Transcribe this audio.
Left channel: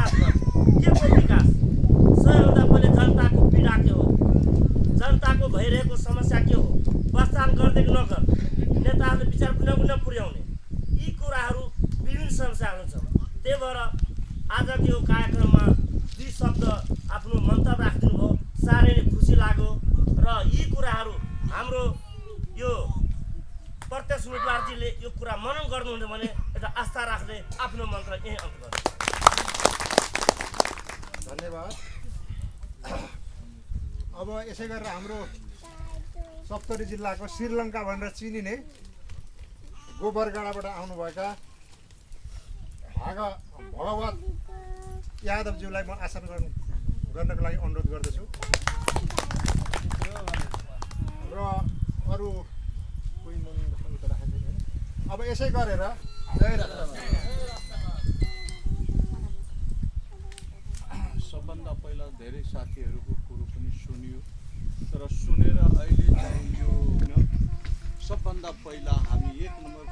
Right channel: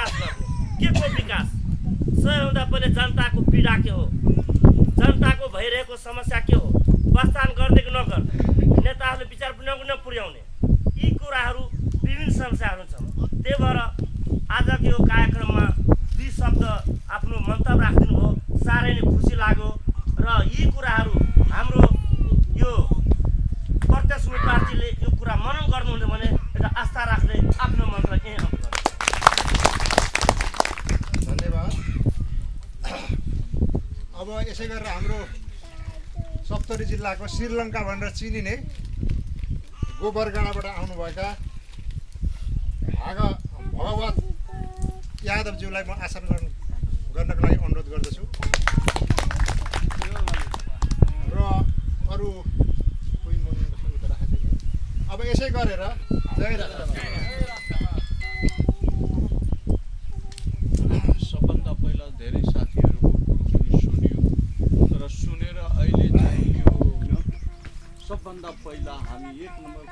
विकास गर्ने के को विकास सबैभन्दा पहिले जनताको पीडा के हो जनताको भइरहेको समस्या के हो वास्तव गर्ने कि नगर्ने नेताहरूले विचार नपुर्याउने यी कुराहरू विभिन्न समस्याहरू छन् त्यही भएर आजको यो कार्यक्रममा दुई शब्द आफ्नो मन्तव्य राखिदिनु हो साह्रै नै खुसी लाग्यो र यी कुराहरू हाम्रो यो प्रत्यक्ष पार्टीले यो कुरा मनन गर्नुहुन्न भने एउटा आस्था राख्ने आफ्नो मन्त्र यही अन्त गर्नु धन्यवाद। अब यसै गरेर हाम्रो सप्तरी जिल्लाको श्रीलङ्का भनेर चिनिने गोबरगाडाबाट आउनुभएका भगवत यादवज्यूलाई म आसन गर्नको लागि अनुरोध गर्दछु र अरू कोही अब यसै गरेर जय सबभन्दा पहिला धेरै साथीहरूको कुरो पनि सुन्यो तर सुनेर अहिले चाहिँ यो सबभन्दा पहिला हामी 1 नम्बर